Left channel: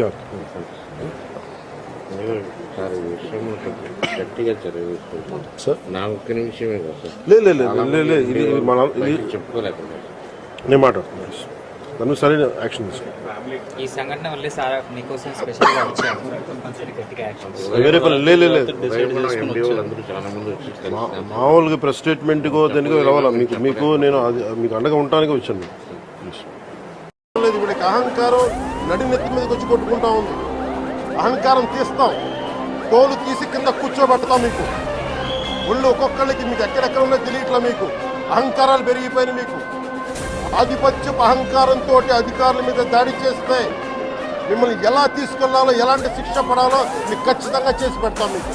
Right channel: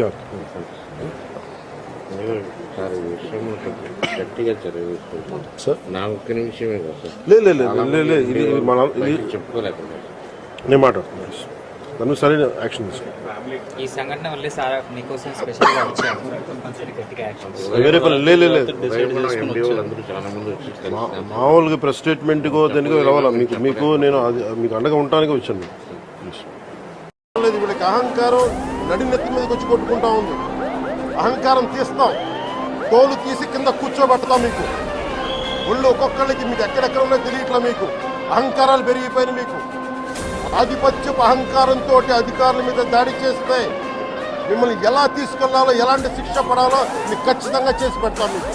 Dört. గట్టిగా చర్య తీసుకుంటాం సార్? నా ఒక్క నిమిషమే కదా సార్. లే లే లే లే, లే ఇది ఇది మన ఇది బయటికి చెప్పుకోలేకుండా. నేను మాట్లాడుతున్నాను దాని సరైన యాక్షన్ తీసుకో. ఈ సంఘటన వల్లే సార్ మీకోసం స్పెషల్గా వచ్చాము కంపల్సరీ గట్టిగా యాక్షన్ వేరే పని లే లే లే. ఎండి వాళ్ళందరూ చాలా మంది వచ్చి మా- కలిసి మామూలుగా ప్రెస్ స్టేట్మెంట్కో దేనికో రావాలా? మీకు మీకు నేను అది మీకు అండగా ఉండటానికి వచ్చాను. లేదు అహంకారం నడి నెత్తి మీదకి వచ్చి కొట్టుకుంటా ఉంది. అహంకారం తీస్తాం. తోలు తీసి కింద కూర్చోబెడతాం మీకు. ఒళ్ళు ఒక్కొక్కళ్ళకి మీకు ఎక్కడెక్కడ ఉన్నాయో తెలియట్లా మీకు. అహంకారాలు పెరిగిపోయినాయి మీకు. ఆధిపత్యపు అహంకారంతో అధికారుల మీద దాడి చేస్తే మిమ్మల్ని ఎలా తీసుకెళ్ళాలో ఎలాంటి శిక్ష పడాలో మీకు ఖచ్చితంగా చేసి పెడతాం మీకు.